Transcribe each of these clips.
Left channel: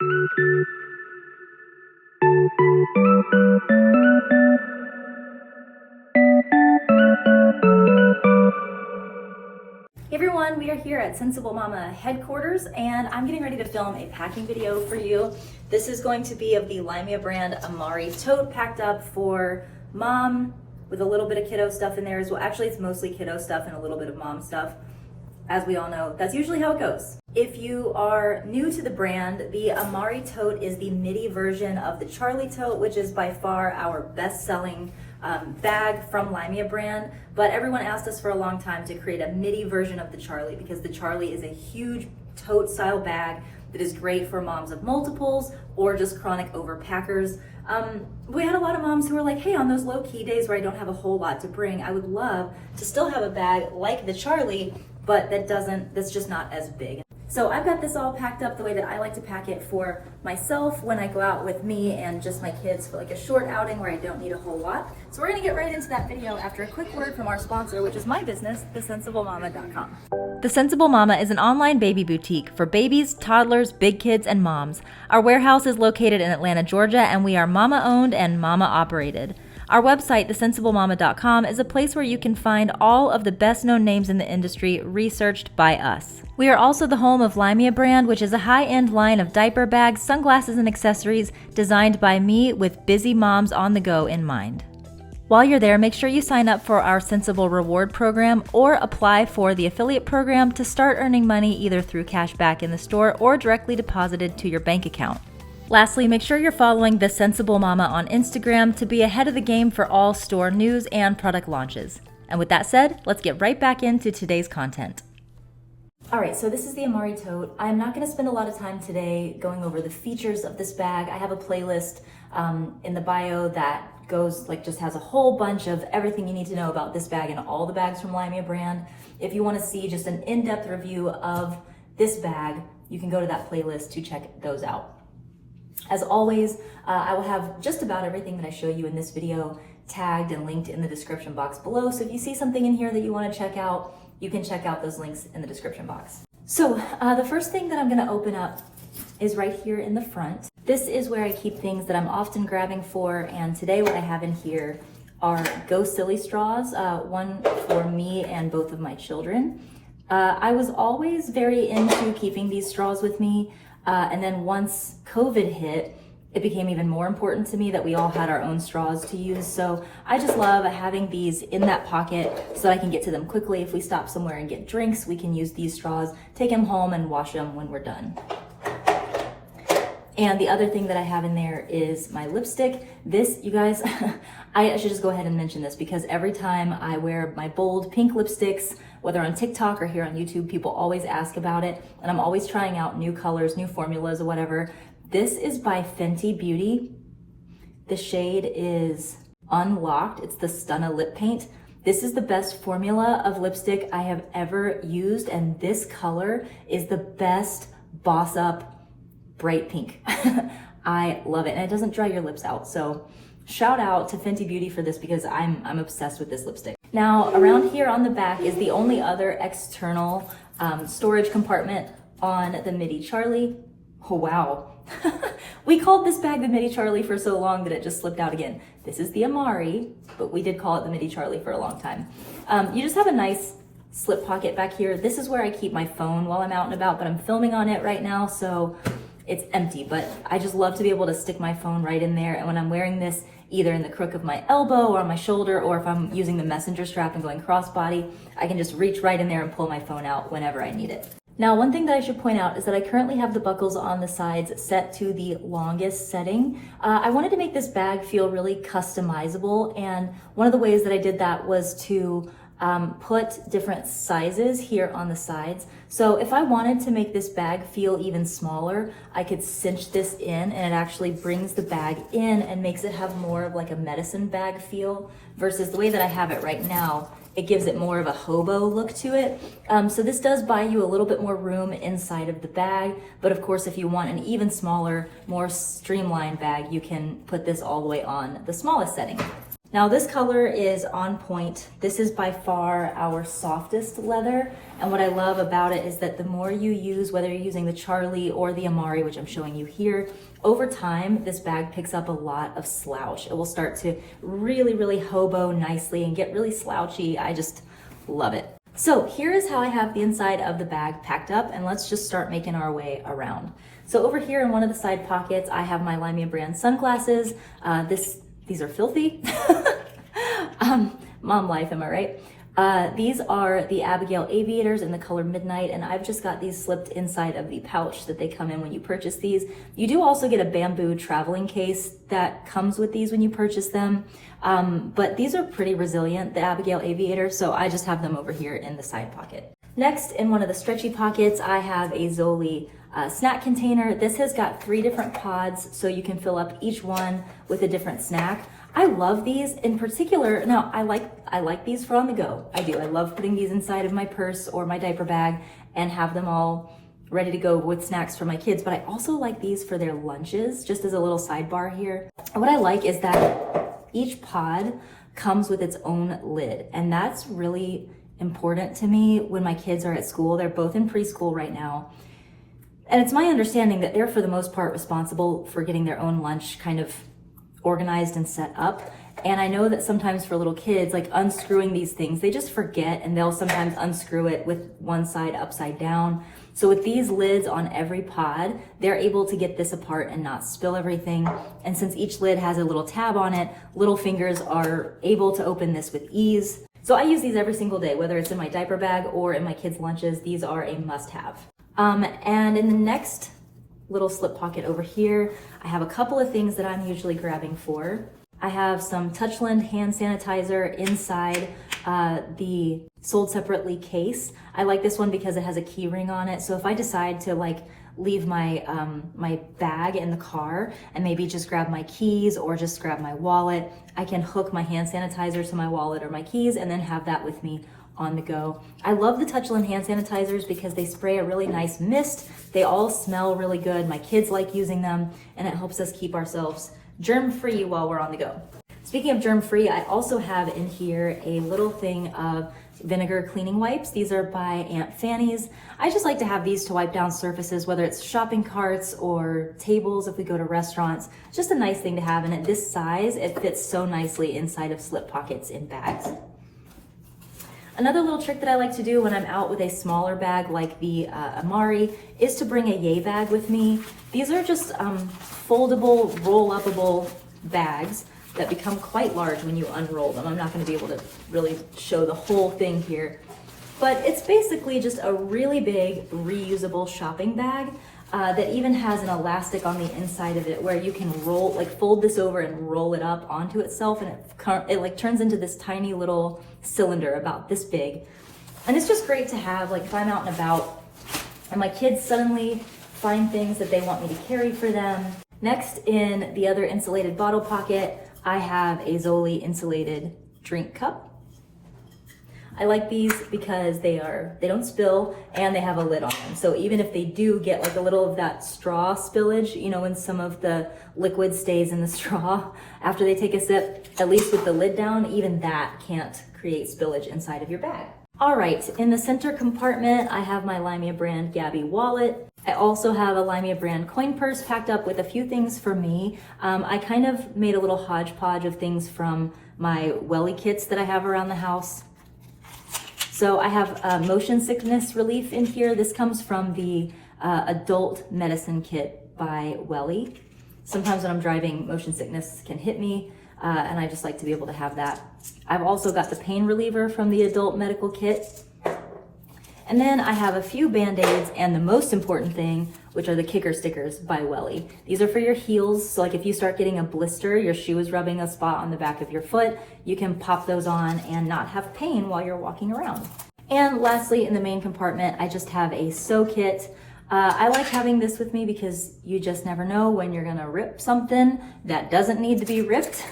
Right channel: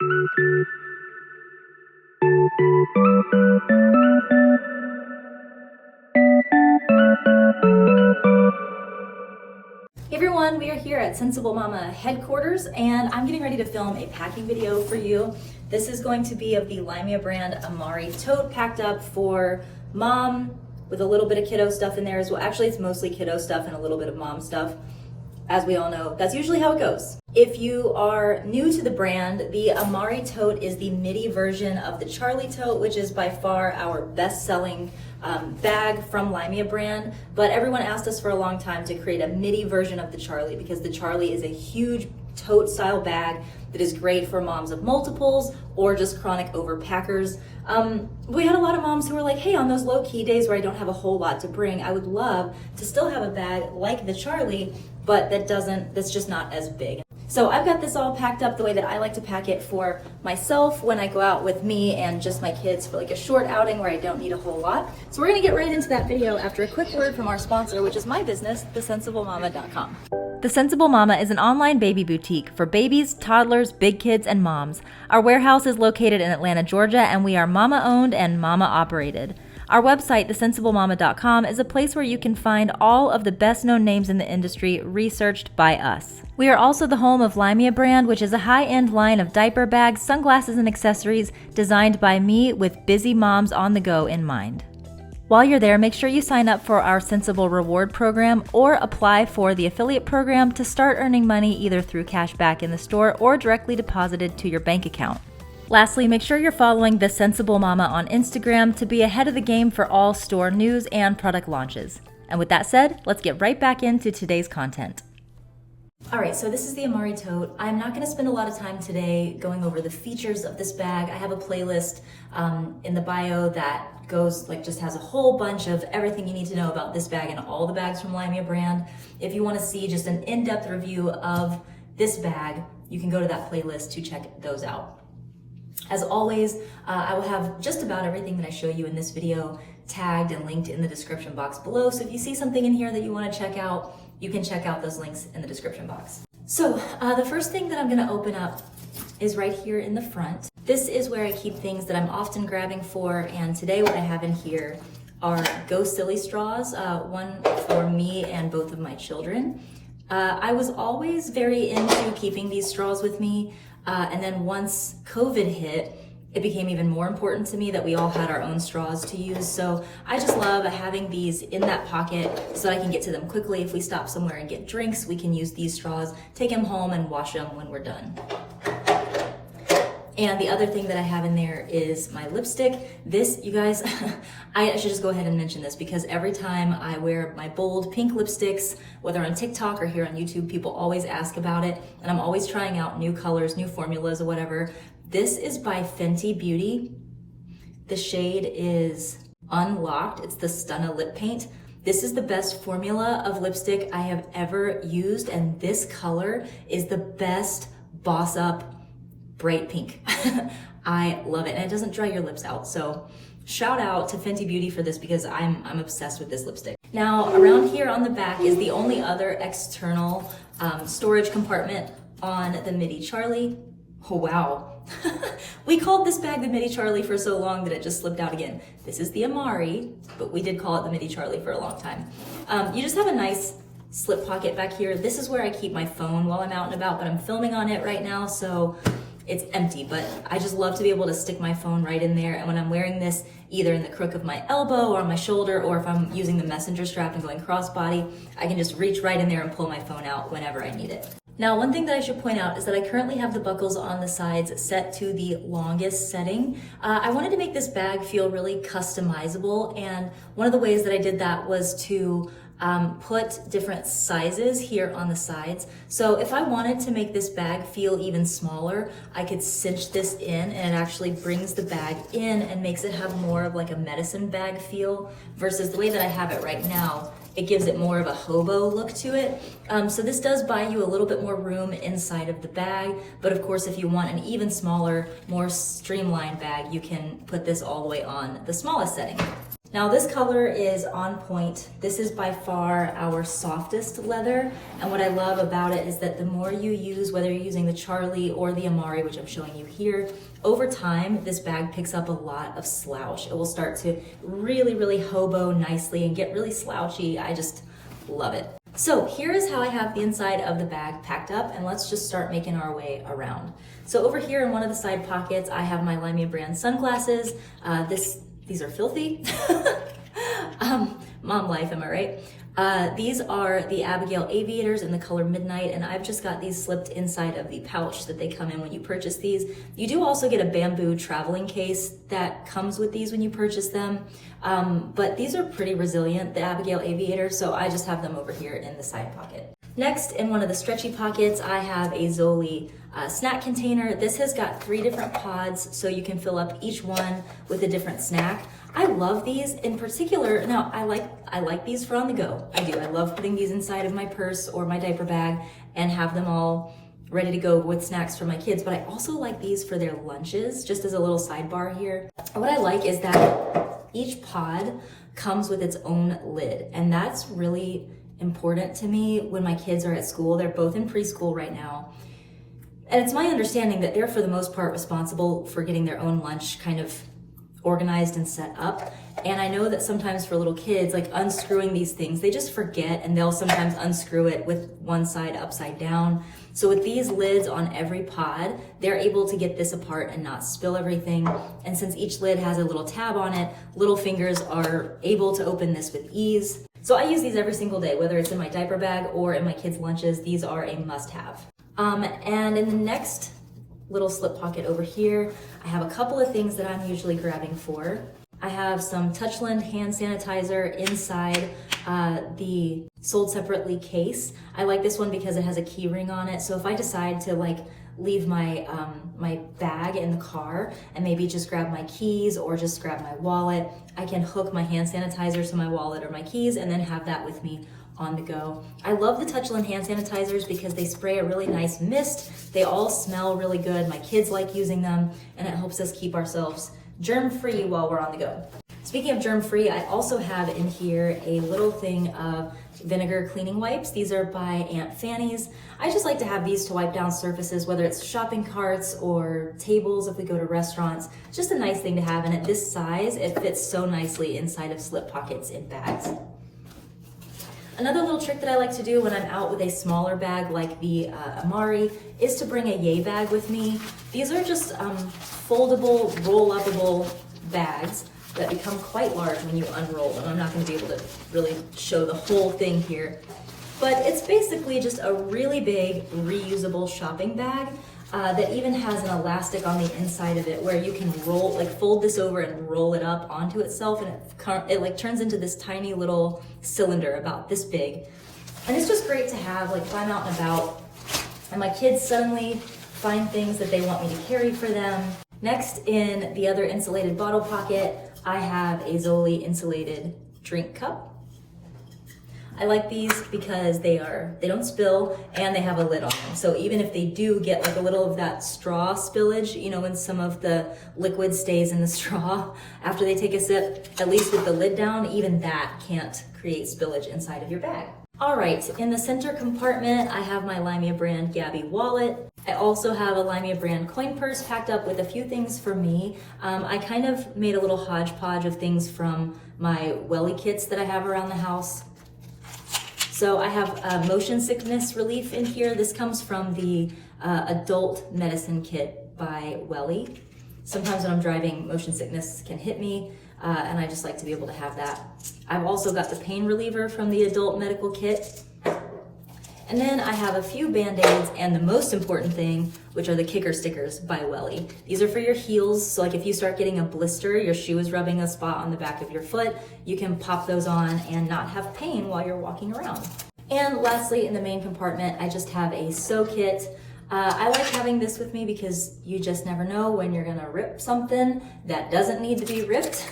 Hey everyone, we are here at Sensible Mama headquarters and I'm getting ready to film a packing video for you. This is going to be of the LYMIA brand Amari Tote, packed up for mom with a little bit of kiddo stuff in there as well. Actually, it's mostly kiddo stuff and a little bit of mom stuff. As we all know, that's usually how it goes. If you are new to the brand, the Amari Tote is the midi version of the Charlie Tote, which is by far our best-selling bag from LYMIA brand. But everyone asked us for a long time to create a midi version of the Charlie because the Charlie is a huge tote style bag that is great for moms of multiples or just chronic overpackers. We had a lot of moms who were like, hey, on those low-key days where I don't have a whole lot to bring, I would love to still have a bag like the Charlie, but that's just not as big. So I've got this all packed up the way that I like to pack it for myself when I go out with me and just my kids for like a short outing where I don't need a whole lot. So we're gonna get right into that video after a quick word from our sponsor, which is my business, thesensiblemama.com. The Sensible Mama is an online baby boutique for babies, toddlers, big kids, and moms. Our warehouse is located in Atlanta, Georgia, and we are mama owned and mama operated. Our website, thesensiblemama.com, is a place where you can find all of the best-known names in the industry researched by us. We are also the home of LYMIA brand, which is a high-end line of diaper bags, sunglasses, and accessories designed by me with busy moms on the go in mind. While you're there, make sure you sign up for our Sensible Reward program or apply for the affiliate program to start earning money either through cash back in the store or directly deposited to your bank account. Lastly, make sure you're following The Sensible Mama on Instagram to be ahead of the game for all store news and product launches. And with that said, let's get right back into today's content. All right, so this is the Amari Tote. I'm not gonna spend a lot of time today going over the features of this bag. I have a playlist in the bio that just has a whole bunch of everything you need to know about this bag and all the bags from LYMIA brand. If you wanna see just an in-depth review of this bag, you can go to that playlist to check those out. As always, I will have just about everything that I show you in this video tagged and linked in the description box below. So if you see something in here that you want to check out, you can check out those links in the description box. So the first thing that I'm going to open up is right here in the front. This is where I keep things that I'm often grabbing for, and today what I have in here are Go Silly straws, one for me and both of my children. I was always very into keeping these straws with me. And then once COVID hit, it became even more important to me that we all had our own straws to use. So I just love having these in that pocket so I can get to them quickly. If we stop somewhere and get drinks, we can use these straws, take them home and wash them when we're done. And the other thing that I have in there is my lipstick. This, you guys, I should just go ahead and mention this because every time I wear my bold pink lipsticks, whether on TikTok or here on YouTube, people always ask about it. And I'm always trying out new colors, new formulas or whatever. This is by Fenty Beauty. The shade is Unlocked. It's the Stunna Lip Paint. This is the best formula of lipstick I have ever used. And this color is the best boss up bright pink. I love it, and it doesn't dry your lips out. So shout out to Fenty Beauty for this because I'm obsessed with this lipstick. Now around here on the back is the only other external storage compartment on the Midi Charlie. Oh wow. We called this bag the Midi Charlie for so long that it just slipped out again. This is the Amari, but we did call it the Midi Charlie for a long time. You just have a nice slip pocket back here. This is where I keep my phone while I'm out and about, but I'm filming on it right now, so it's empty, but I just love to be able to stick my phone right in there. And when I'm wearing this either in the crook of my elbow or on my shoulder, or if I'm using the messenger strap and going crossbody, I can just reach right in there and pull my phone out whenever I need it. Now, one thing that I should point out is that I currently have the buckles on the sides set to the longest setting. I wanted to make this bag feel really customizable, and one of the ways that I did that was to put different sizes here on the sides. So if I wanted to make this bag feel even smaller, I could cinch this in and it actually brings the bag in and makes it have more of like a medicine bag feel versus the way that I have it right now. It gives it more of a hobo look to it. So this does buy you a little bit more room inside of the bag, but of course if you want an even smaller, more streamlined bag, you can put this all the way on the smallest setting. Now this color is on point. This is by far our softest leather. And what I love about it is that the more you use, whether you're using the Charlie or the Amari, which I'm showing you here, over time, this bag picks up a lot of slouch. It will start to really, really hobo nicely and get really slouchy. I just love it. So here is how I have the inside of the bag packed up, and let's just start making our way around. So over here in one of the side pockets, I have my LYMIA brand sunglasses. These are filthy. Mom life, am I right? These are the Abigail Aviators in the color Midnight, and I've just got these slipped inside of the pouch that they come in when you purchase these. You do also get a bamboo traveling case that comes with these when you purchase them, but these are pretty resilient, the Abigail Aviators, so I just have them over here in the side pocket. Next, in one of the stretchy pockets, I have a Zoli snack container. This has got 3 different pods, so you can fill up each one with a different snack. I love these in particular. Now, I like these for on the go. I do. I love putting these inside of my purse or my diaper bag and have them all ready to go with snacks for my kids. But I also like these for their lunches, just as a little sidebar here. And what I like is that each pod comes with its own lid, and that's really important to me when my kids are at school. They're both in preschool right now. And it's my understanding that they're for the most part responsible for getting their own lunch kind of organized and set up. And I know that sometimes for little kids, like unscrewing these things, they just forget, and they'll sometimes unscrew it with one side upside down. So with these lids on every pod, they're able to get this apart and not spill everything. And since each lid has a little tab on it, little fingers are able to open this with ease. So I use these every single day, whether it's in my diaper bag or in my kids' lunches. These are a must-have. And in the next little slip pocket over here, I have a couple of things that I'm usually grabbing for. I have some Touchland hand sanitizer inside the sold separately case. I like this one because it has a key ring on it. So if I decide to leave my my bag in the car and maybe just grab my keys or just grab my wallet, I can hook my hand sanitizer to my wallet or my keys and then have that with me on the go. I love the Touchland hand sanitizers because they spray a really nice mist. They all smell really good. My kids like using them, and it helps us keep ourselves germ-free while we're on the go. Speaking of germ-free, I also have in here a little thing of vinegar cleaning wipes. These are by Aunt Fanny's. I just like to have these to wipe down surfaces, whether it's shopping carts or tables if we go to restaurants. It's just a nice thing to have, and at this size, it fits so nicely inside of slip pockets in bags. Another little trick that I like to do when I'm out with a smaller bag like the Amari is to bring a yay bag with me. These are just foldable, roll-upable bags that become quite large when you unroll them. I'm not going to be able to really show the whole thing here, but it's basically just a really big reusable shopping bag that even has an elastic on the inside of it where you can roll, fold this over and roll it up onto itself, and it turns into this tiny little cylinder about this big. And it's just great to have, if I'm out and about and my kids suddenly find things that they want me to carry for them. Next, in the other insulated bottle pocket, I have a Zoli insulated drink cup. I like these because they don't spill and they have a lid on them. So even if they do get a little of that straw spillage, when some of the liquid stays in the straw after they take a sip, at least with the lid down, even that can't create spillage inside of your bag. All right, in the center compartment, I have my LYMIA brand Gabby wallet. I also have a LYMIA brand coin purse packed up with a few things for me. I kind of made a little hodgepodge of things from my welly kits that I have around the house. So I have motion sickness relief in here. This comes from the adult medicine kit by Welly. Sometimes when I'm driving, motion sickness can hit me, and I just like to be able to have that. I've also got the pain reliever from the adult medical kit. And then I have a few Band-Aids and the most important thing, which are the kicker stickers by Welly. These are for your heels, so if you start getting a blister, your shoe is rubbing a spot on the back of your foot, you can pop those on and not have pain while you're walking around. And lastly, in the main compartment, I just have a sew kit. I like having this with me because you just never know when you're gonna rip something that doesn't need to be ripped.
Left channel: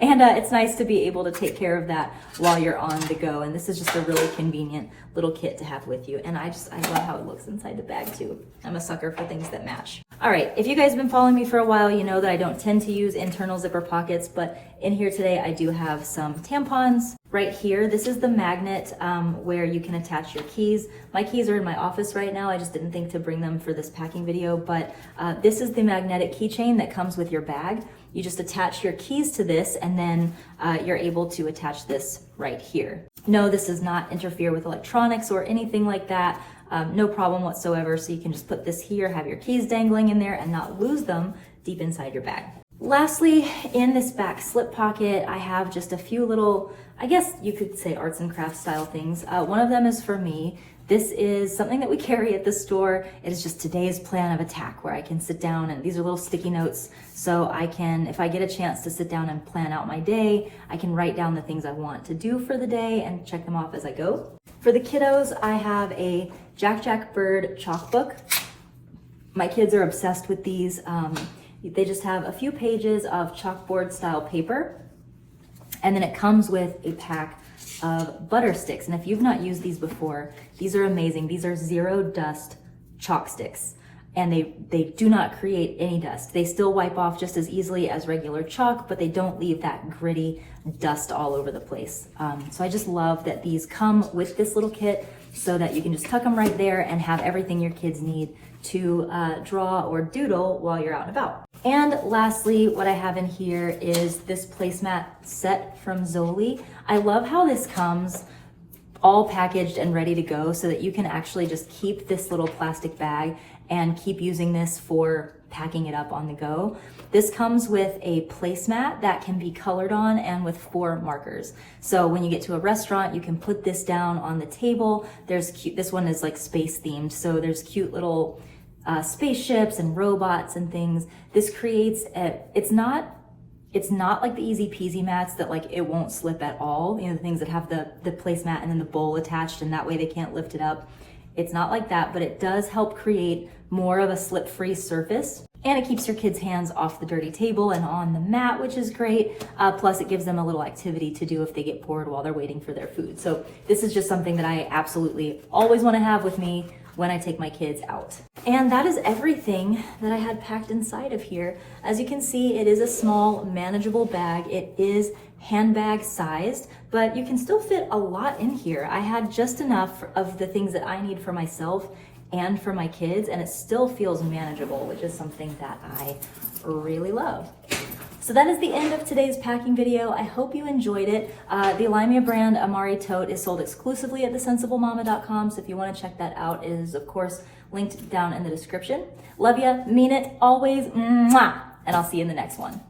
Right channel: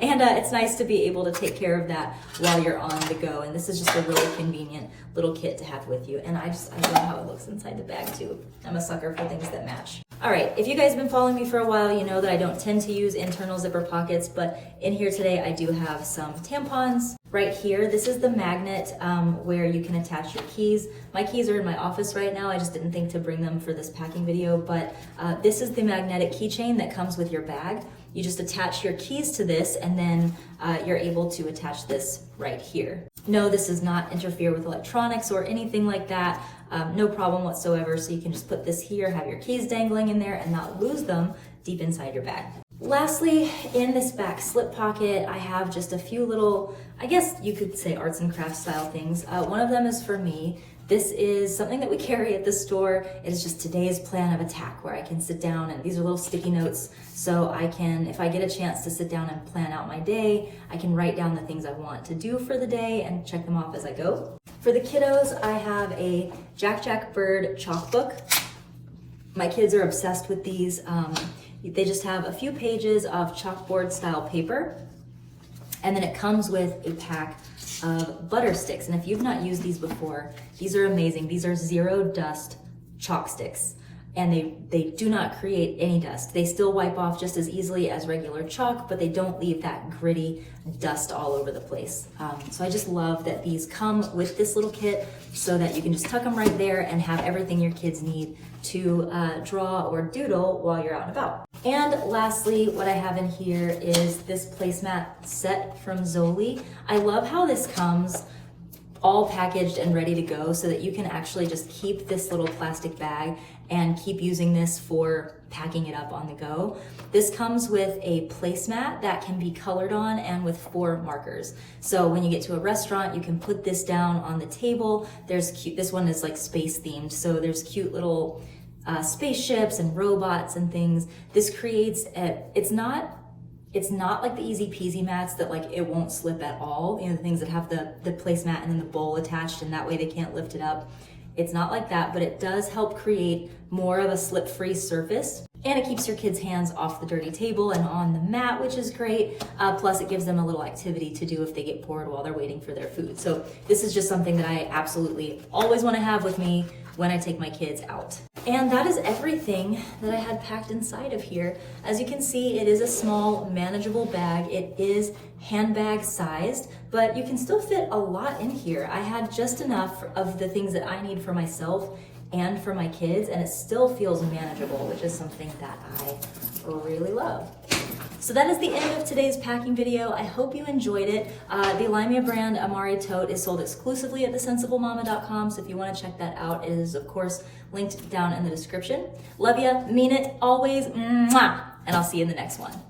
And it's nice to be able to take care of that while you're on the go. And this is just a really convenient little kit to have with you. And I love how it looks inside the bag too. I'm a sucker for things that match. All right, if you guys have been following me for a while, you know that I don't tend to use internal zipper pockets, but in here today I do have some tampons. Right here, this is the magnet where you can attach your keys. My keys are in my office right now. I just didn't think to bring them for this packing video, but this is the magnetic keychain that comes with your bag. You just attach your keys to this and then you're able to attach this right here. No, this does not interfere with electronics or anything like that. No problem whatsoever. So you can just put this here, have your keys dangling in there and not lose them deep inside your bag. Lastly, in this back slip pocket, I have just a few little, I guess you could say arts and crafts style things. One of them is for me. This is something that we carry at the store. It is just today's plan of attack where I can sit down and these are little sticky notes. So I can, if I get a chance to sit down and plan out my day, I can write down the things I want to do for the day and check them off as I go. For the kiddos, I have a Jack Bird chalk book. My kids are obsessed with these. They just have a few pages of chalkboard style paper. And then it comes with a pack of butter sticks. And if you've not used these before, these are amazing. These are zero dust chalk sticks. And they do not create any dust. They still wipe off just as easily as regular chalk, but they don't leave that gritty dust all over the place. So I just love that these come with this little kit so that you can just tuck them right there and have everything your kids need to draw or doodle while you're out and about. And lastly, what I have in here is this placemat set from Zoli. I love how this comes all packaged and ready to go so that you can actually just keep this little plastic bag and keep using this for packing it up on the go. This comes with a placemat that can be colored on and with 4 markers. So when you get to a restaurant, you can put this down on the table. There's cute, this one is like space themed. So there's cute little spaceships and robots and things. This creates it's not like the easy peasy mats that like it won't slip at all. You know, the things that have the placemat and then the bowl attached and that way they can't lift it up. It's not like that, but it does help create more of a slip-free surface. And it keeps your kids' hands off the dirty table and on the mat, which is great. Plus it gives them a little activity to do if they get bored while they're waiting for their food. So this is just something that I absolutely always want to have with me when I take my kids out. And that is everything that I had packed inside of here. As you can see, it is a small, manageable bag. It is handbag sized, but you can still fit a lot in here. I had just enough of the things that I need for myself and for my kids, and it still feels manageable, which is something that I really love. So that is the end of today's packing video. I hope you enjoyed it. The LYMIA brand Amari Tote is sold exclusively at thesensiblемama.com, so if you want to check that out, it is of course linked down in the description. Love ya, mean it, always, mwah, and I'll see you in the next one.